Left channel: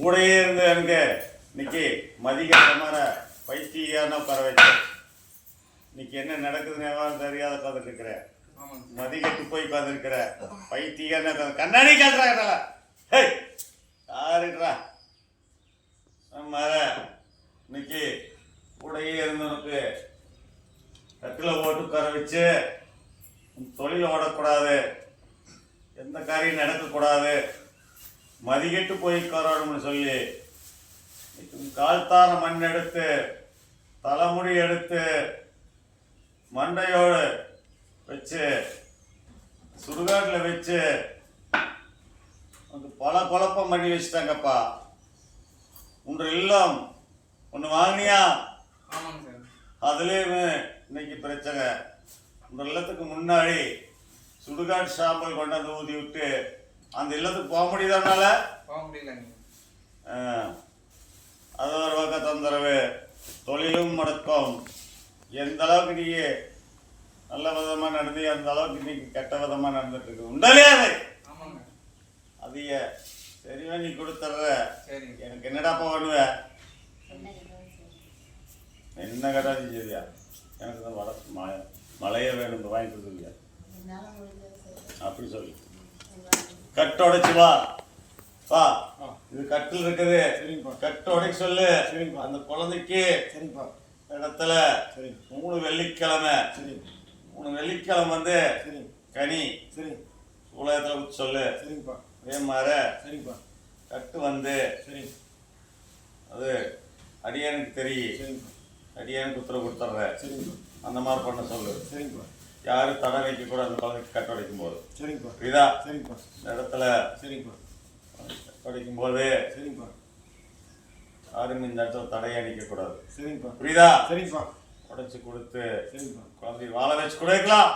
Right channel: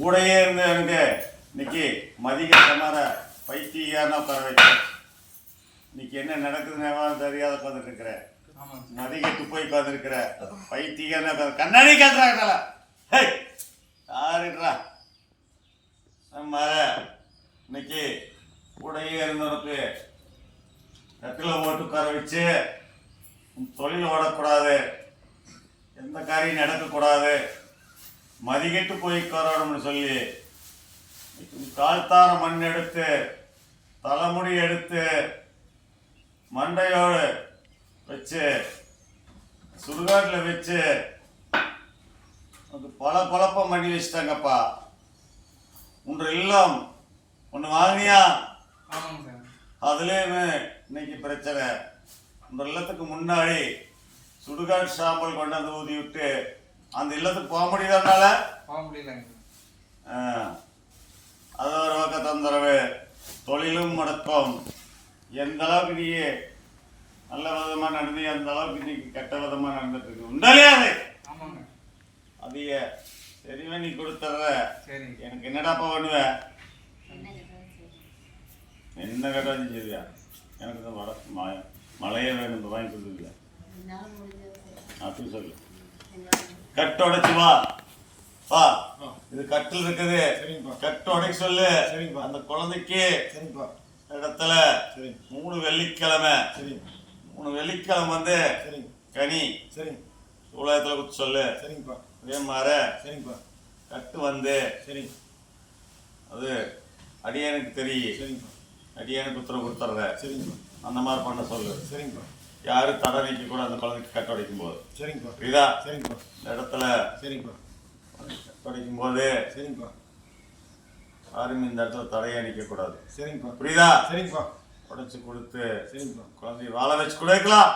கூடையே இருந்து எனக்கு இன்னைக்கு மதிய சமர பைத்தியான உட்கார வச்சேன். இன்னைக்கு என்ன நடக்குதுன்னு தெரியாத உட்காந்துட்டு இருக்கிறேன். மதிக்கட்டு போய் உட்காந்துருக்கிற பைத்தியான கண்ணாடி கேட்கறாங்க. யாருன்றா நம்ம இன்னைக்கு கூடையே இருந்தவனுக்கு கட்டில் போட்டு உட்கார வச்சு தொழில் ஓடக்கூடாது, எந்த காரியம் நடக்கக்கூடாது, மதிக்கட்டு போய் உட்காரணும்னு சொல்லி கால்தார மண் எடுத்து தலைமுடி எடுத்து மண்டையோடு வச்சு சுடுகாட்டில் வச்சு அது பல குழப்பம் பண்ணி வச்சுட்டாங்கப்பா. ஒன்று இல்லம் ஒன்று வாங்கினியா, அதுலேயுமே இன்னைக்கு பிரச்சனை. இந்த இல்லத்துக்கு முன்னாடி சுடுகாட்டு சாம்பல் கொண்டாந்து ஊதி விட்டு அந்த இல்லத்துக்கு போக முடியுதானால போக முடியலங்க. அது ஒரு பக்கம் தொந்தரவு, தொழிலும் முடக்கம். எந்த அளவுக்கு நீ நல்ல விதமாக நடந்து அந்த அளவுக்கு இன்னைக்கு கெட்ட விதமாக நடந்துட்டு இருக்கு. உண்டாலே அது அதிக சரிவா நீ கொடுத்துட்ற. எனக்கு என்னடாப்பா பண்ணுவேன், என்ன கேட்டாது சரியா? எனக்கு தான் மழையே வேணும் வாங்கி கொடுக்குறீங்க அப்படி சொல்லு. கட்டு உடைச்சு வா வா, இது கட்டில் இருக்குது, கட்டு உடைக்க சொல்லு. அந்த குழந்தைக்கு இடத்துல 3 வெள்ளிக்கிழமை 3 வெள்ளிக்கிழமை வந்து கனி உலகத்துல குத்து சொல்லு. அதே மாதிரி கட்டு வந்து அது அடியானுக்கு தெரியும், அடியானுக்கு உத்தரவு கொடுத்துட்ற. அந்த மாதிரி பண்ண சொல்லு. யாரும் தடை வைக்க கூட அந்த குழந்தைக்கு கட்டு உடைக்கும் போது புரியுதா? இந்த இடத்துல கட்டு உடைக்கும் போது யாரும் இந்த இடத்துல தடையா நிற்க கூடாது. புரியுதா? உடைச்சு கொடுத்து குழந்தை வாழ வச்சு கொடுக்கலாம்.